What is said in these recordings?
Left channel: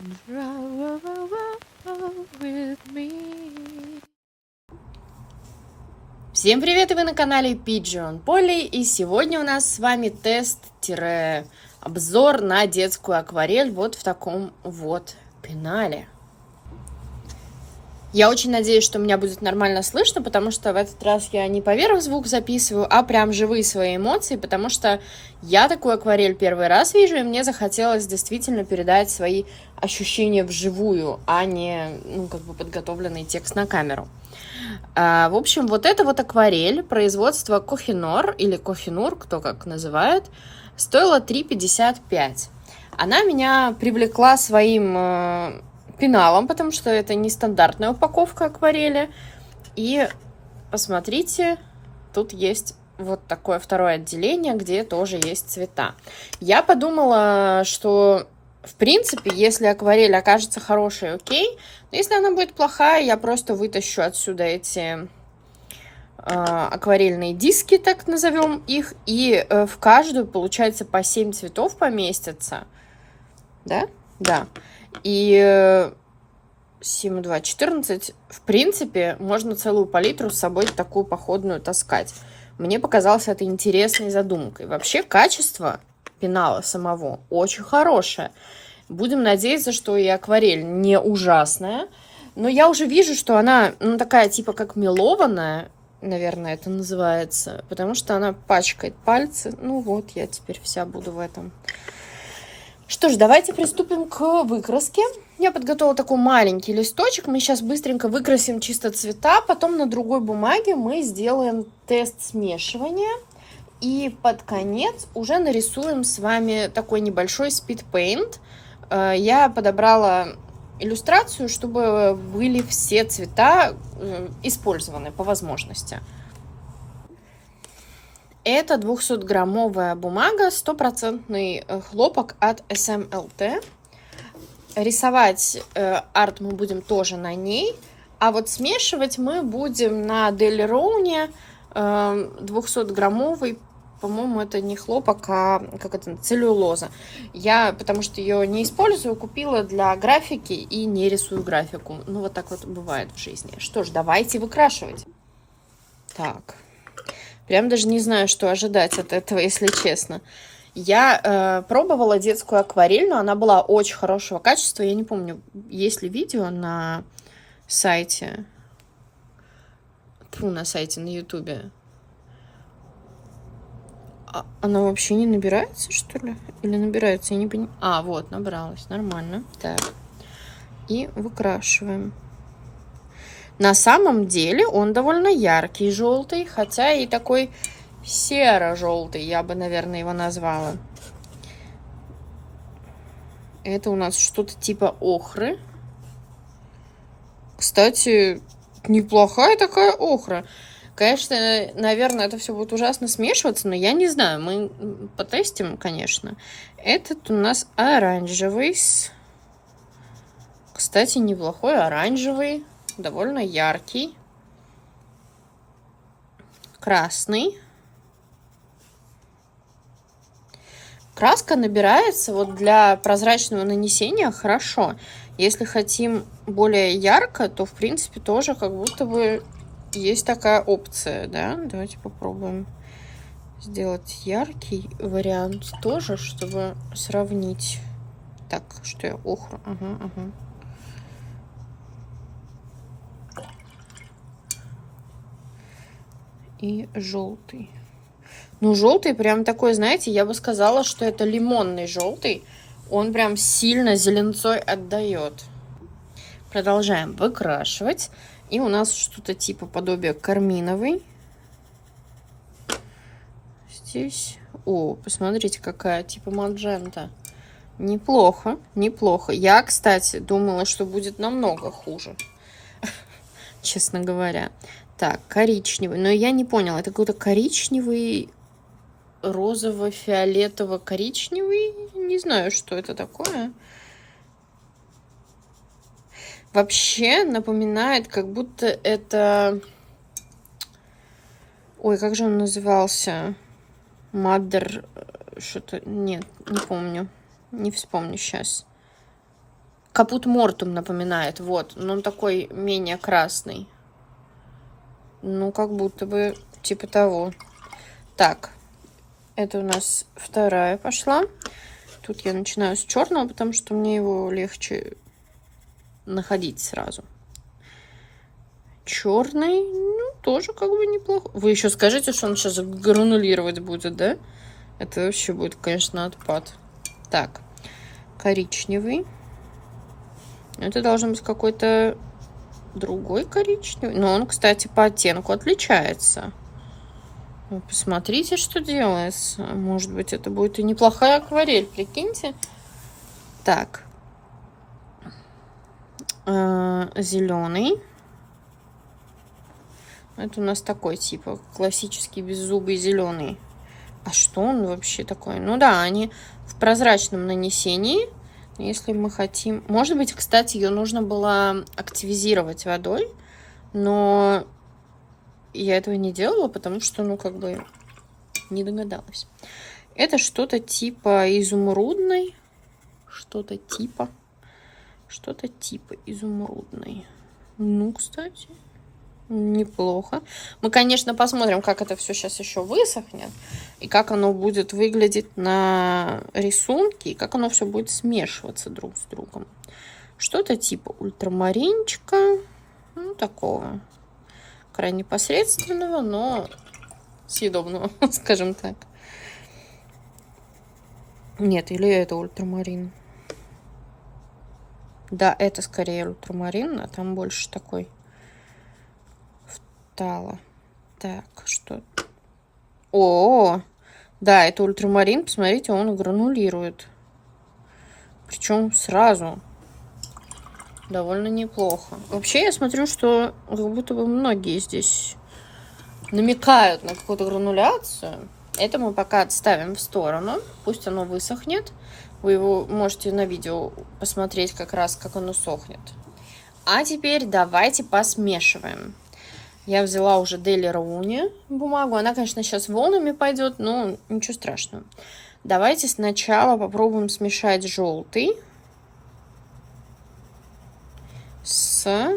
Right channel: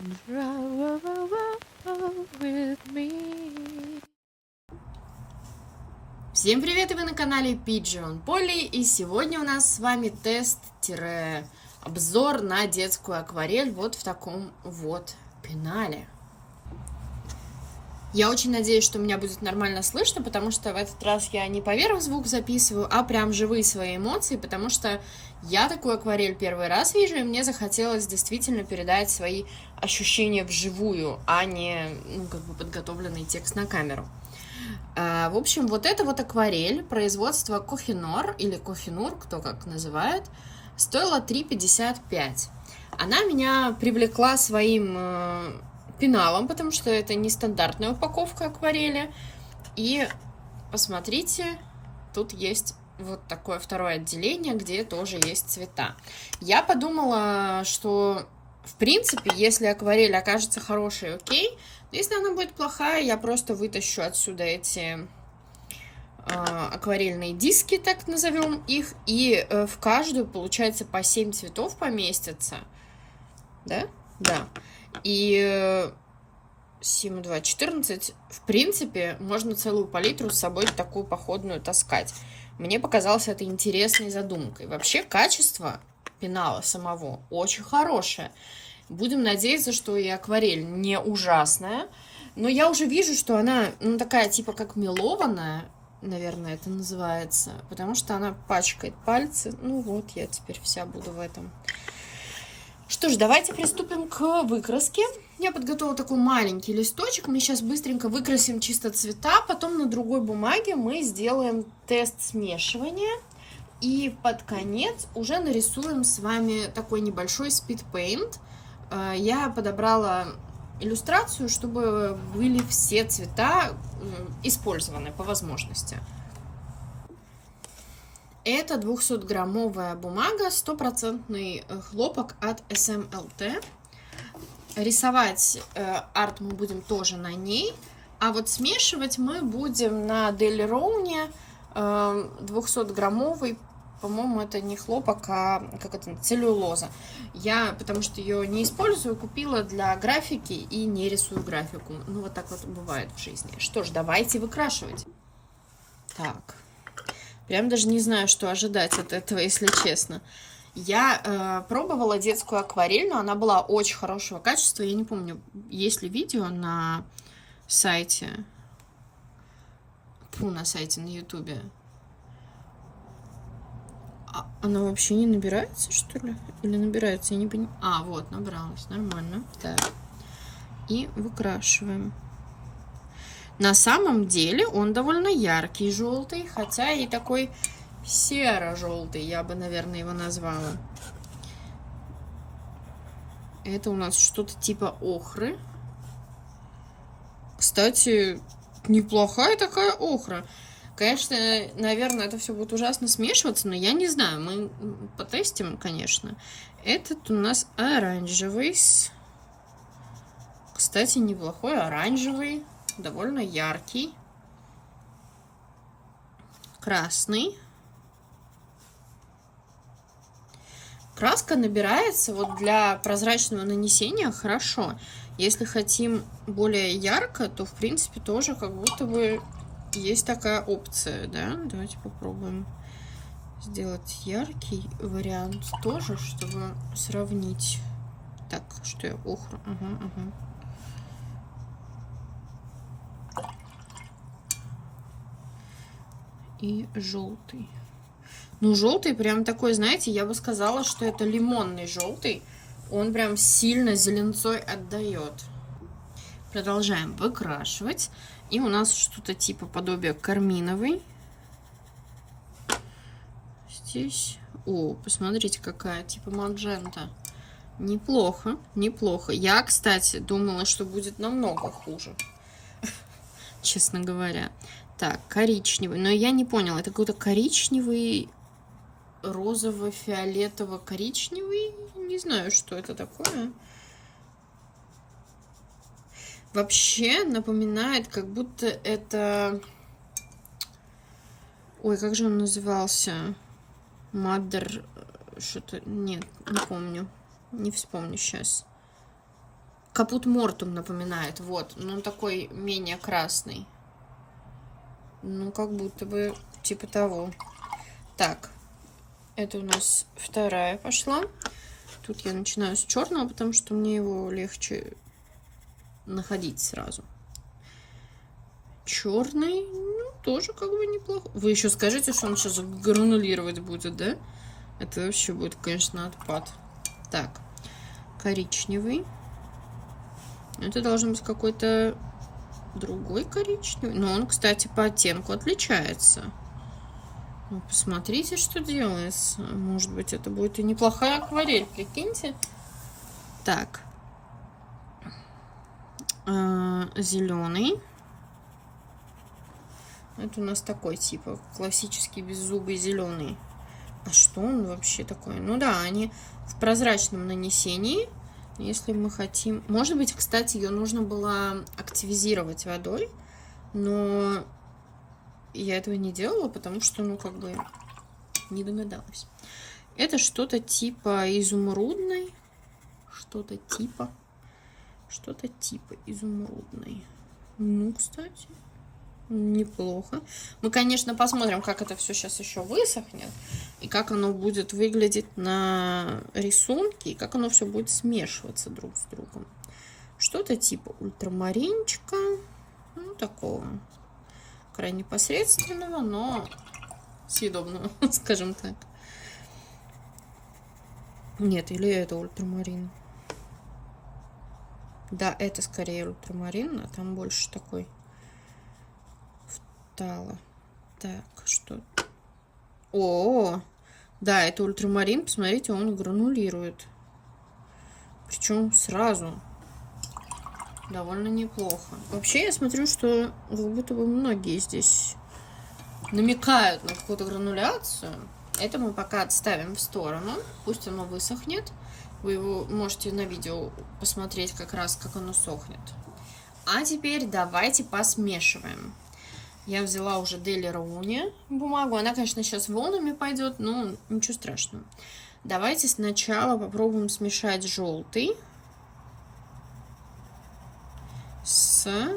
With me. Всем привет, и вы на канале Pigeon Polly, и сегодня у нас с вами тест-обзор на детскую акварель вот в таком вот пенале. Я очень надеюсь, что меня будет нормально слышно, потому что в этот раз я не поверх звук записываю, а прям живые свои эмоции, потому что я такую акварель первый раз вижу, и мне захотелось действительно передать свои ощущения вживую, а не, подготовленный текст на камеру. В общем, вот эта вот акварель производства Kohinoor или Kohinoor, кто как называет, стоила 3,55. Она меня привлекла своим пеналом, потому что это нестандартная упаковка акварели. И посмотрите, тут есть вот такое второе отделение, где тоже есть цвета. Я подумала, что в принципе, если акварель окажется хорошей, окей. Но если она будет плохая, я просто вытащу отсюда эти акварельные диски, так назовем их. И в каждую, получается, по 7 цветов поместится. Да? Да. И 7, 2, 14. В принципе, можно целую палитру с собой такую походную таскать. Мне показалось это интересной задумкой. Вообще, качество пенала самого очень хорошее. Будем надеяться, что и акварель не ужасная. Но я уже вижу, что она такая типа как мелованная, наверное, это называется. Потому что она пачкает пальцы. Ну вот, я теперь вся буду в этом. Что ж, давайте приступим к выкраске. Я подготовила такой маленький листочек. Мы сейчас быстренько выкрасим чисто цвета. Потом на другой бумаге мы сделаем тест смешивания. И под конец уже нарисуем с вами такой небольшой speed paint. Я подобрала иллюстрацию, чтобы были все цвета использованы по возможности. Это 200-граммовая бумага, 100% хлопок от SMLT. Рисовать арт мы будем тоже на ней. А вот смешивать мы будем на Daler-Rowan 200-граммовый. По-моему, это не хлопок, а как это, целлюлоза. Я, потому что ее не использую, купила для графики и не рисую графику. Ну, вот так вот бывает в жизни. Что ж, давайте выкрашивать. Так. Прям даже не знаю, что ожидать от этого, если честно. Я пробовала детскую акварель, но она была очень хорошего качества. Я не помню, есть ли видео на сайте. На сайте на ютубе. Она вообще не набирается, что ли? Или набирается? Я не понимаю. А, вот, набралась. Нормально. Так. И выкрашиваем. На самом деле он довольно яркий желтый, хотя и такой серо-желтый, я бы, наверное, его назвала. Это у нас что-то типа охры. Кстати, неплохая такая охра. Конечно, наверное, это все будет ужасно смешиваться, но я не знаю. Мы потестим, конечно. Этот у нас оранжевый. Кстати, неплохой оранжевый. Довольно яркий. Красный. Краска набирается вот для прозрачного нанесения хорошо. Если хотим более ярко, то, в принципе, тоже как будто бы есть такая опция, да? Давайте попробуем сделать яркий вариант тоже, чтобы сравнить. Так, что я охру. Ага. И желтый. Ну, желтый прям такой, знаете, я бы сказала, что это лимонный желтый. Он прям сильно зеленцой отдает. Продолжаем выкрашивать. И у нас что-то типа подобия карминовый. Здесь. О, посмотрите, какая типа маджента. Неплохо, неплохо. Я, кстати, думала, что будет намного хуже. Честно говоря. Так, коричневый. Но я не поняла, это какой-то коричневый, розово-фиолетово-коричневый. Не знаю, что это такое. Вообще напоминает, как будто это... Ой, как же он назывался? Mother... Что-то... Нет, не помню. Не вспомню сейчас. Капут Мортум напоминает, вот. Но он такой менее красный. Ну, как будто бы типа того. Так, это у нас вторая пошла. Тут я начинаю с черного, потому что мне его легче находить сразу. Черный, ну, тоже как бы неплохо. Вы еще скажите, что он сейчас гранулировать будет, да? Это вообще будет, конечно, отпад. Так, коричневый. Это должен быть какой-то другой коричневый. Но он, кстати, по оттенку отличается. Вы посмотрите, что делается. Может быть, это будет и неплохая акварель, прикиньте. Так. Зеленый. Это у нас такой, типа, классический беззубый зеленый. А что он вообще такой? Ну да, они в прозрачном нанесении. Если мы хотим... Может быть, кстати, ее нужно было активизировать водой. Но я этого не делала, потому что, ну, как бы, не догадалась. Это что-то типа изумрудной. Что-то типа изумрудной. Ну, кстати, неплохо. Мы, конечно, посмотрим, как это все сейчас еще высохнет. И как оно будет выглядеть на рисунке. И как оно все будет смешиваться друг с другом. Что-то типа ультрамаринчика. Ну, такого. Крайне посредственного, но съедобного, скажем так. Нет, или это ультрамарин? Да, это скорее ультрамарин, а там больше такой втало. Так, что? О, да, это ультрамарин. Посмотрите, он гранулирует. Причем сразу. Довольно неплохо. Вообще, я смотрю, что как будто бы многие здесь намекают на какую-то грануляцию. Это мы пока отставим в сторону. Пусть оно высохнет. Вы его можете на видео посмотреть как раз, как оно сохнет. А теперь давайте посмешиваем. Я взяла уже Deli Rooney бумагу. Она, конечно, сейчас волнами пойдет, но ничего страшного. Давайте сначала попробуем смешать желтый с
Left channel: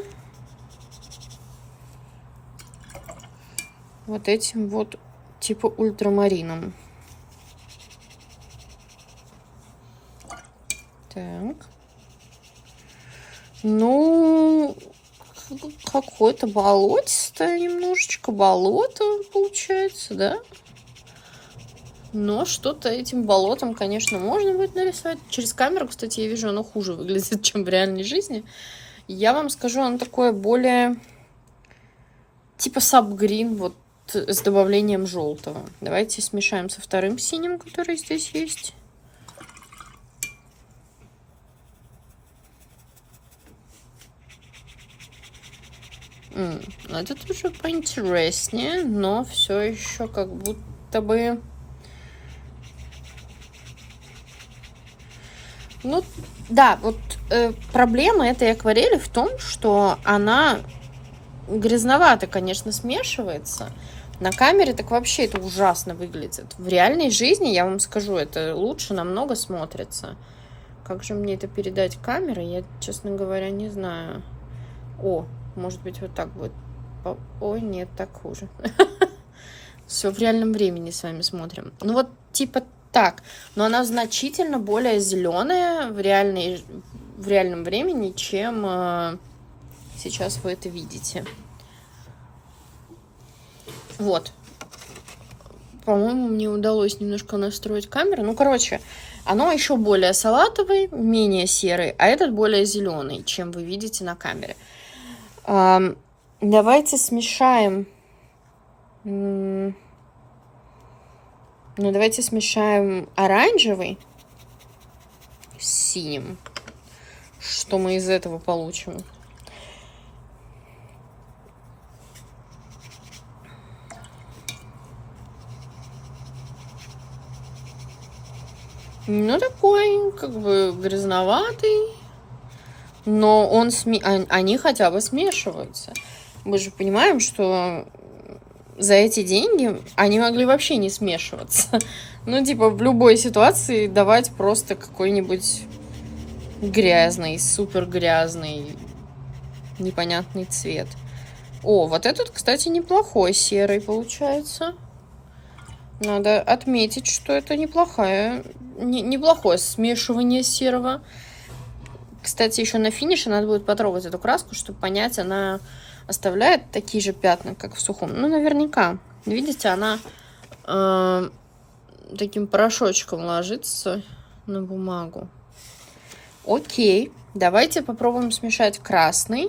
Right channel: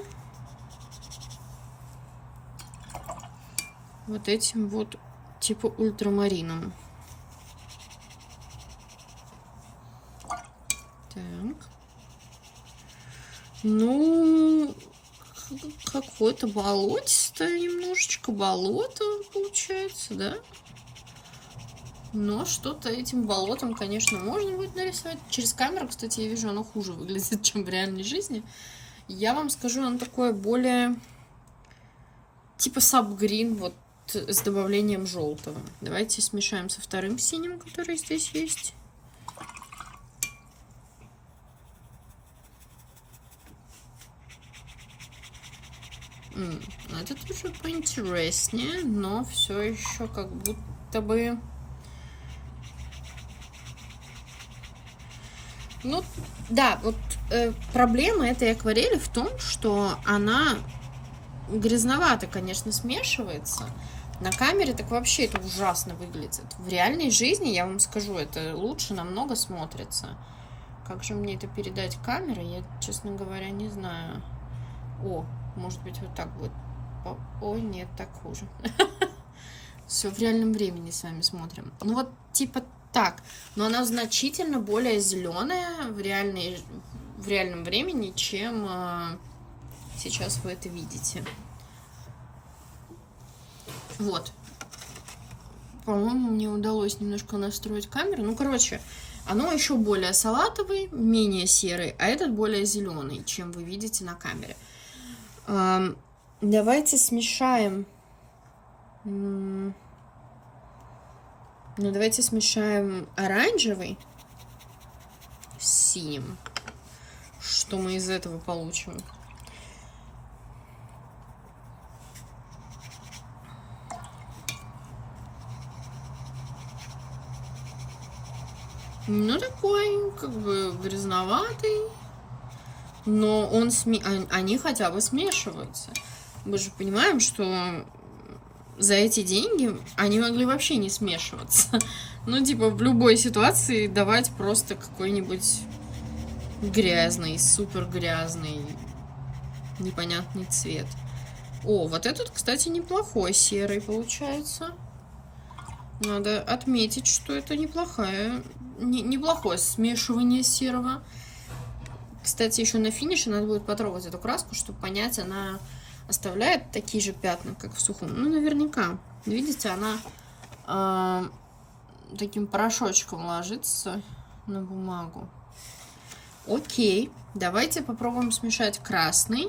вот этим вот типа ультрамарином. Так. Ну, какое-то болотистое, немножечко болото получается, да? Но что-то этим болотом, конечно, можно будет нарисовать. Через камеру, кстати, я вижу, оно хуже выглядит, чем в реальной жизни. Я вам скажу, оно такое более типа сабгрин, вот с добавлением желтого. Давайте смешаем со вторым синим, который здесь есть. Это тоже поинтереснее, но все еще как будто бы... Ну, да, вот проблема этой акварели в том, что она грязновато, конечно, смешивается. На камере так вообще это ужасно выглядит. В реальной жизни, я вам скажу, это лучше намного смотрится. Как же мне это передать камерой, я, честно говоря, не знаю. О, может быть, вот так будет. Ой, нет, так хуже. Все в реальном времени с вами смотрим. Ну вот типа так. Но она значительно более зеленая в реальном времени, чем сейчас вы это видите. Вот. По-моему, мне удалось немножко настроить камеру. Ну, короче, оно еще более салатовый, менее серый, а этот более зеленый, чем вы видите на камере. Давайте смешаем. Ну, давайте смешаем оранжевый с синим. Что мы из этого получим? Ну, такой, как бы, грязноватый. Но они хотя бы смешиваются. Мы же понимаем, что за эти деньги они могли вообще не смешиваться. Ну, типа, в любой ситуации давать просто какой-нибудь Грязный, супер грязный, непонятный цвет. О, вот этот, кстати, неплохой серый получается. Надо отметить, что это неплохое смешивание серого. Кстати, еще на финише надо будет потрогать эту краску, чтобы понять, она оставляет такие же пятна, как в сухом. Ну, наверняка. Видите, она таким порошочком ложится на бумагу. Окей, давайте попробуем смешать красный.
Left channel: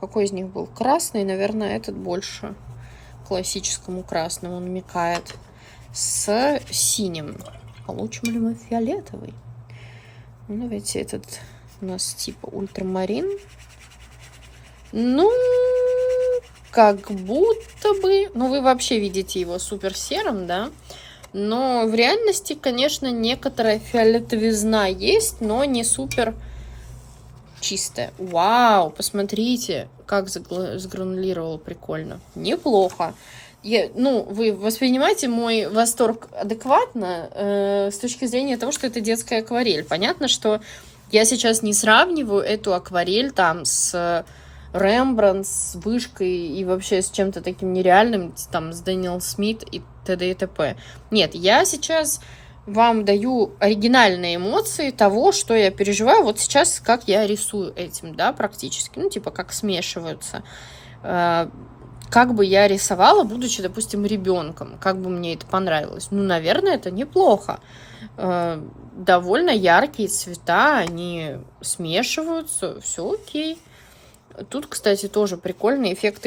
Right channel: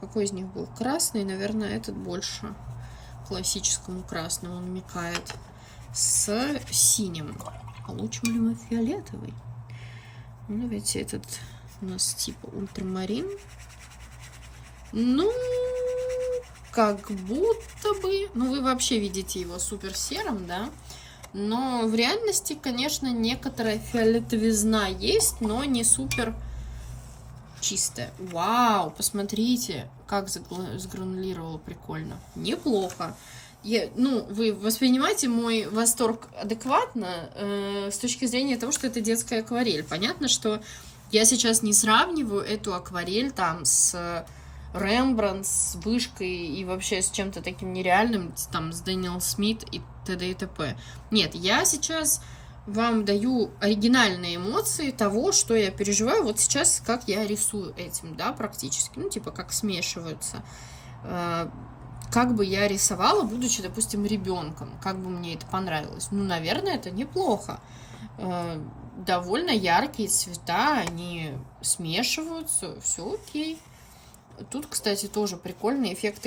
Какой из них был красный? Наверное, этот больше классическому красному намекает. С синим. Получим ли мы фиолетовый? Ну, давайте этот у нас типа ультрамарин. Ну, как будто бы... Ну, вы вообще видите его супер серым, да? Но в реальности, конечно, некоторая фиолетовизна есть, но не супер чистая. Вау, посмотрите, как сгранулировало прикольно. Неплохо. Ну, вы воспринимаете мой восторг адекватно с точки зрения того, что это детская акварель. Понятно, что я сейчас не сравниваю эту акварель там с Рембрандт, с Вышкой и вообще с чем-то таким нереальным, там, с Дэниел Смит и т.д. и т.п. Нет, я сейчас вам даю оригинальные эмоции того, что я переживаю вот сейчас, как я рисую этим, да, практически. Ну, типа, как смешиваются. Как бы я рисовала, будучи, допустим, ребенком, как бы мне это понравилось. Ну, наверное, это неплохо. Довольно яркие цвета, они смешиваются, все окей. Тут, кстати, тоже прикольный эффект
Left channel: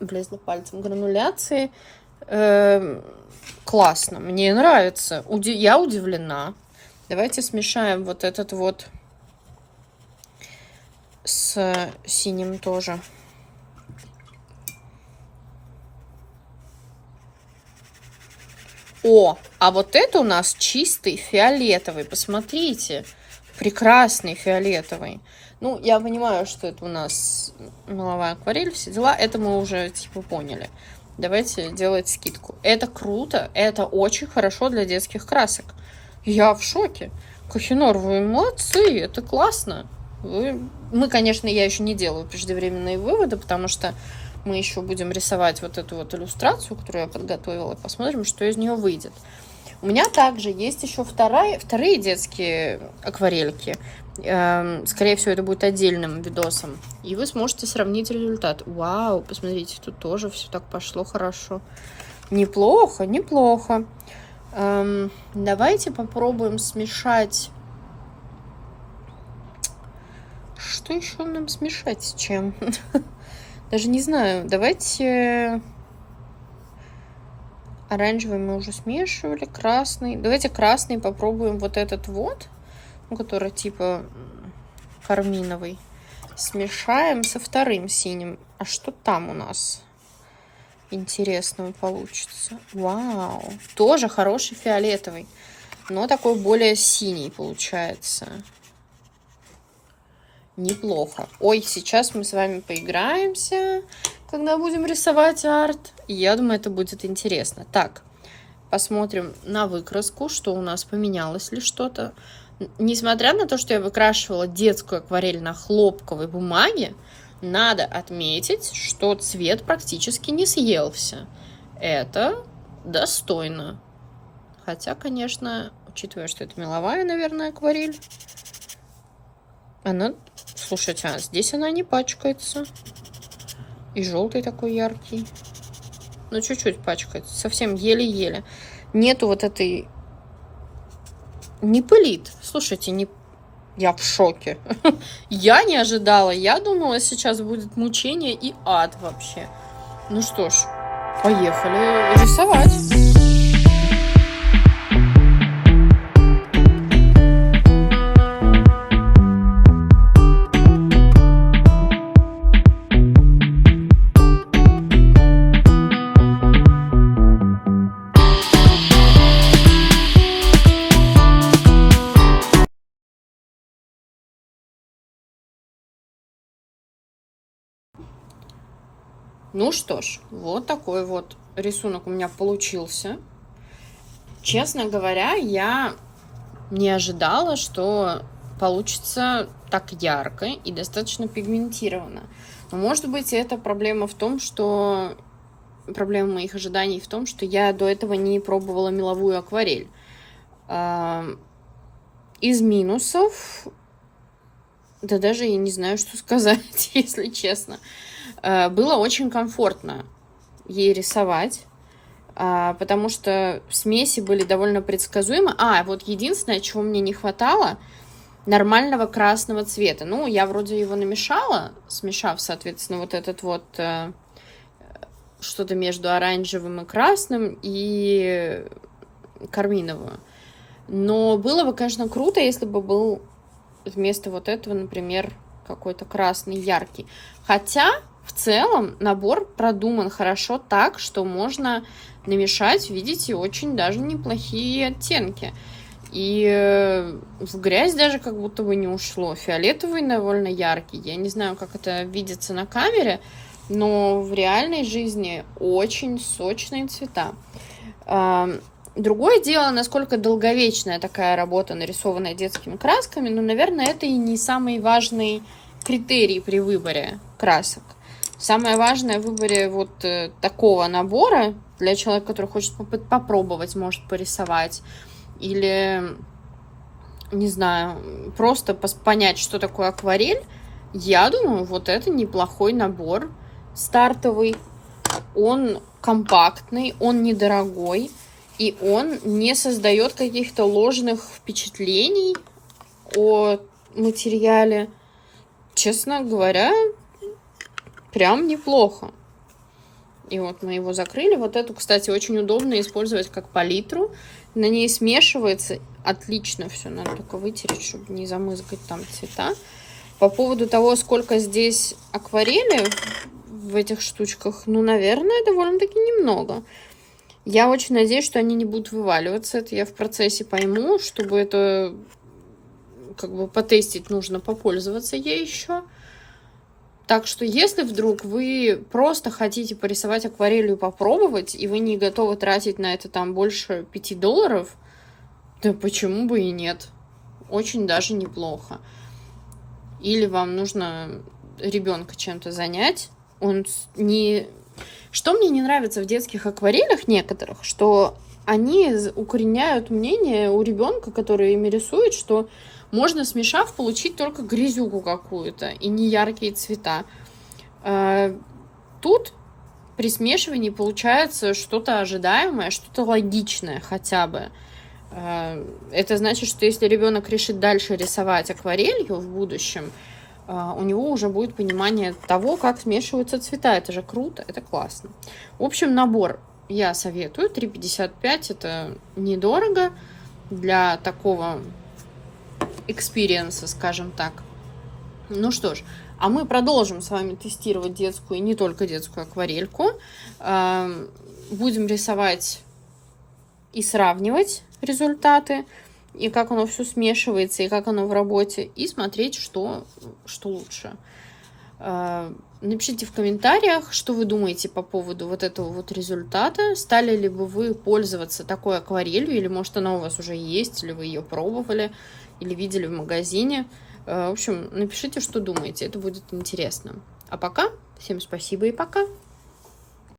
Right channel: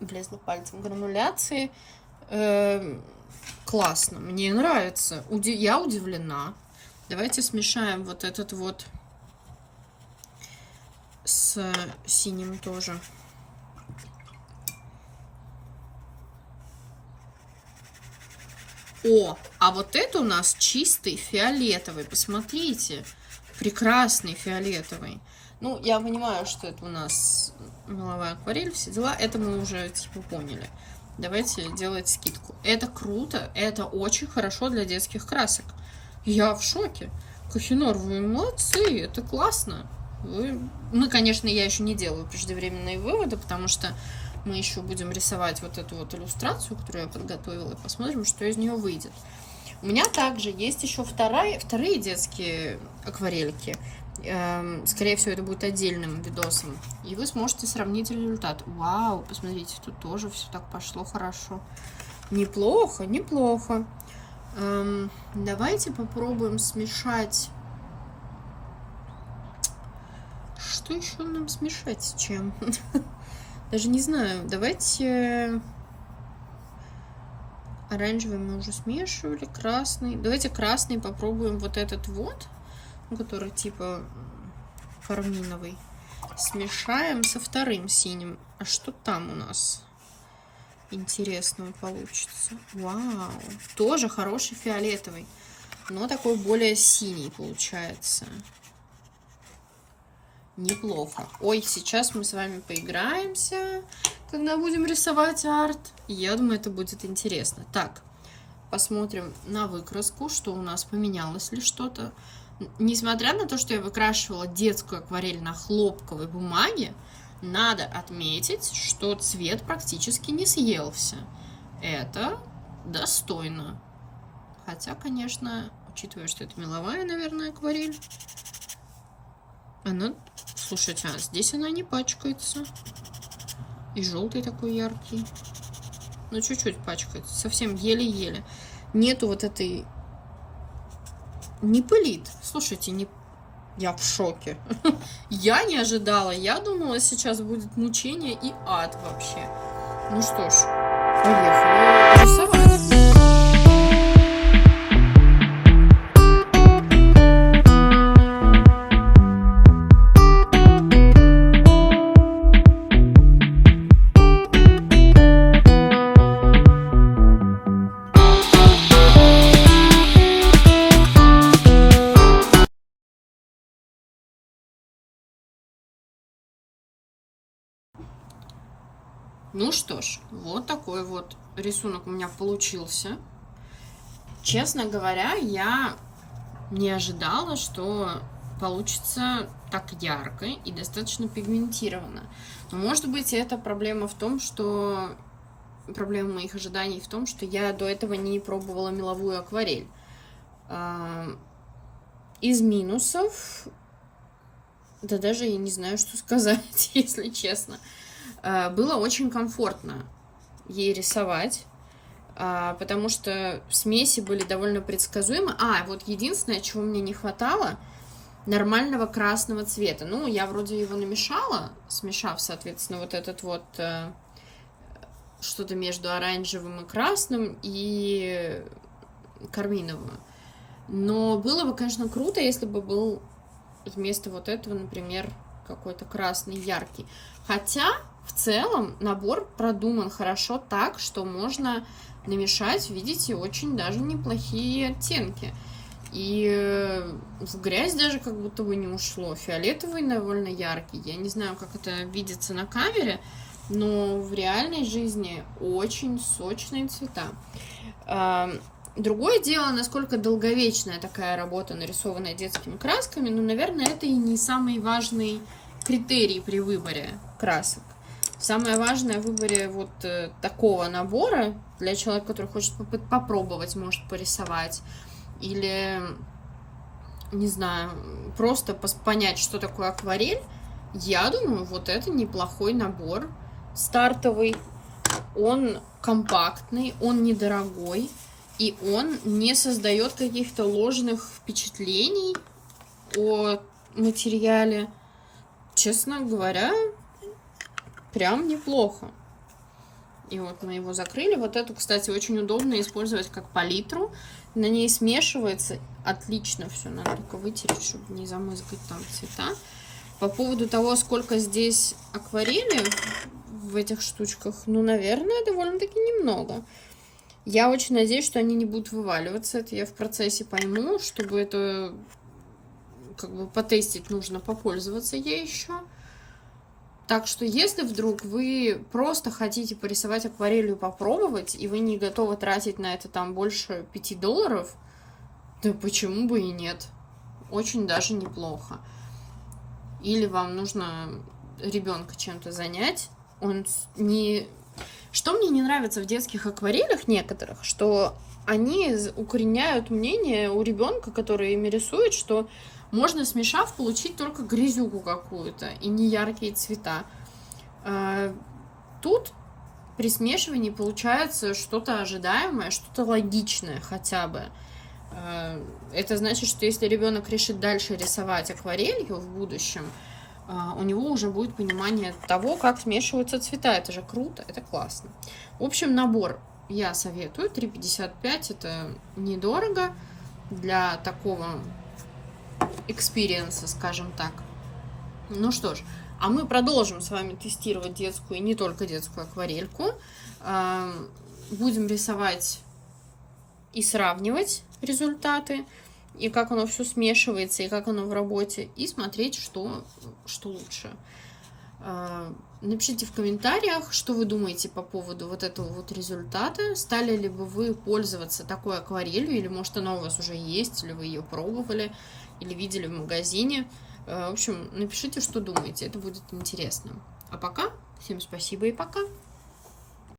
влезла пальцем грануляции. Классно, мне нравится. Я удивлена. Давайте смешаем вот этот вот с синим тоже. О, а вот это у нас чистый фиолетовый. Посмотрите, прекрасный фиолетовый. Ну, я понимаю, что это у нас меловая акварель, все дела. Это мы уже, типа, поняли. Давайте делать скидку. Это круто, это очень хорошо для детских красок. Я в шоке. Кохинор, вы молодцы, это классно. Мы, конечно, я еще не делаю преждевременные выводы, потому что мы еще будем рисовать вот эту вот иллюстрацию, которую я подготовила, и посмотрим, что из нее выйдет. У меня также есть еще вторые детские акварельки. Скорее всего, это будет отдельным видосом. И вы сможете сравнить результат. Вау, посмотрите, тут тоже все так пошло хорошо. Неплохо, неплохо. Давайте попробуем смешать. Что еще нам смешать с чем? Даже не знаю. Давайте... Оранжевый мы уже смешивали. Красный. Давайте красный попробуем вот этот вот. Который типа карминовый. Смешаем со вторым синим. А что там у нас интересного получится? Вау. Тоже хороший фиолетовый. Но такой более синий получается. Неплохо. Ой, сейчас мы с вами поиграемся, когда будем рисовать арт. Я думаю, это будет интересно. Так, посмотрим на выкраску, что у нас поменялось ли что-то. Несмотря на то, что я выкрашивала детскую акварель на хлопковой бумаге, надо отметить, что цвет практически не съелся. Это достойно. Хотя, конечно, учитывая, что это меловая, наверное, акварель, она... Слушайте, а здесь она не пачкается. И желтый такой яркий. Ну, чуть-чуть пачкается. Совсем еле-еле. Нету вот этой... Не пылит. Слушайте, не... Я в шоке. Я не ожидала. Я думала, сейчас будет мучение и ад вообще. Ну что ж, поехали рисовать. Ну что ж, вот такой вот рисунок у меня получился. Честно говоря, я не ожидала, что получится так ярко и достаточно пигментированно. Но, может быть, это проблема в том, что... Проблема моих ожиданий в том, что я до этого не пробовала меловую акварель. Из минусов... Да даже я не знаю, что сказать, если честно. Было очень комфортно ей рисовать, потому что смеси были довольно предсказуемы. Вот единственное, чего мне не хватало, нормального красного цвета. Ну, я вроде его намешала, смешав, соответственно, вот этот вот что-то между оранжевым и красным и карминовым. Но было бы, конечно, круто, если бы был вместо вот этого, например, какой-то красный яркий. Хотя, в целом, набор продуман хорошо так, что можно намешать, видите, очень даже неплохие оттенки. И в грязь даже как будто бы не ушло. Фиолетовый довольно яркий. Я не знаю, как это видится на камере, но в реальной жизни очень сочные цвета. Другое дело, насколько долговечная такая работа, нарисованная детскими красками, но, наверное, это и не самый важный критерий при выборе красок. Самое важное в выборе вот такого набора для человека, который хочет попробовать, может порисовать, или, не знаю, просто понять, что такое акварель, я думаю, вот это неплохой набор стартовый. Он компактный, он недорогой, и он не создает каких-то ложных впечатлений о материале. Честно говоря, прям неплохо. И вот мы его закрыли. Вот эту, кстати, очень удобно использовать как палитру. На ней смешивается отлично все. Надо только вытереть, чтобы не замызгать там цвета. По поводу того, сколько здесь акварели в этих штучках, ну, наверное, довольно-таки немного. Я очень надеюсь, что они не будут вываливаться. Это я в процессе пойму. Чтобы это как бы потестить, нужно попользоваться ей еще. Так что, если вдруг вы просто хотите порисовать акварелью и попробовать, и вы не готовы тратить на это там больше $5, да почему бы и нет? Очень даже неплохо. Или вам нужно ребенка чем-то занять. Он не... Что мне не нравится в детских акварелях некоторых, что они укореняют мнение у ребенка, который ими рисует, что можно, смешав, получить только грязюку какую-то и не яркие цвета. Тут при смешивании получается что-то ожидаемое, что-то логичное хотя бы. Это значит, что если ребенок решит дальше рисовать акварелью в будущем, у него уже будет понимание того, как смешиваются цвета. Это же круто, это классно. В общем, набор я советую. $3,55 это недорого для такого экспириенса, скажем так. Ну что ж, а мы продолжим с вами тестировать детскую и не только детскую акварельку. Будем рисовать и сравнивать результаты, и как оно все смешивается, и как оно в работе, и смотреть, что лучше. Напишите в комментариях, что вы думаете по поводу вот этого вот результата. Стали ли бы вы пользоваться такой акварелью, или может она у вас уже есть, или вы ее пробовали, или видели в магазине. В общем, напишите, что думаете, это будет интересно. А пока, всем спасибо и пока!